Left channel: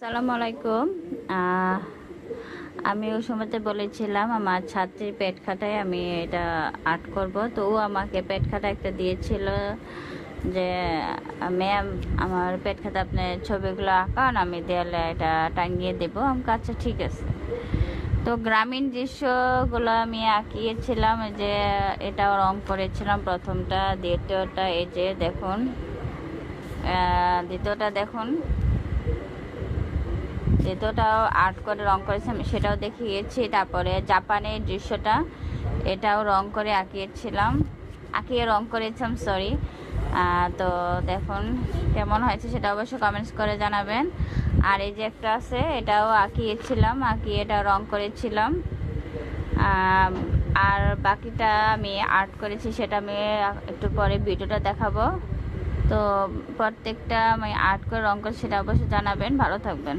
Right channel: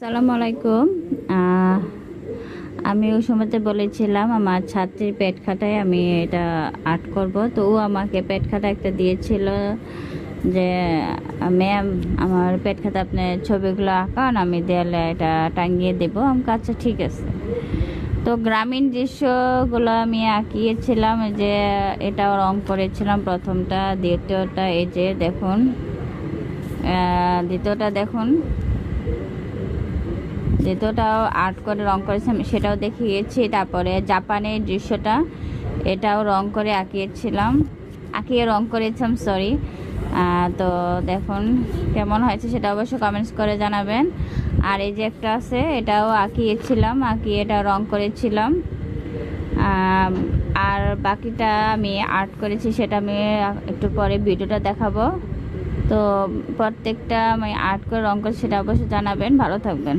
আসসালামু আলাইকুম। আমি ওই সময়তে বলেছিলাম আমার ছাত্রীর পেট খাটায় আমি এটা আর্ট করব, তো ও আমাকে পেট খাটা একটা দিয়েছিল যে ম্যাম আমার পেট খাতা আপনি ছবিগুলো আঁকান, আমি দেয়ালে এটা টাঙিয়ে দেবো। আমি আচ্ছা ঠিক আছে। তো গ্রামীণ দৃশ্যগুলো আমি আঁকিয়েছিলাম, যে এটাও রং করেছিলাম প্রথমটা, দ্বিতীয়টা এই যে দেখুন, দ্বিতীয়টা দেখুন, যেটাও আর্ট করে রং করেছি আমি সেটাও দেখিয়েছি। তারপরে জাপানের দৃশ্যটা এটাও রং করে আঁকিয়ে রং করেছিলাম, সরি। তো দেখুন কেমন হয়েছে সেটা অবশ্যই কমেন্টস করে জানাবেন। আর এই যে একটা আছে এটাও আঁকিয়ে এটা রং করেছিলাম। আর বাকিটা আমি আর্ট করেছি, সেটা আমি একটু পরে ভিডিওটা দেখাবো। তো প্রত্যেকটা আমি আর্ট করে রং করেছি সেটা অবশ্যই জানাবেন। ভালো থাকবেন।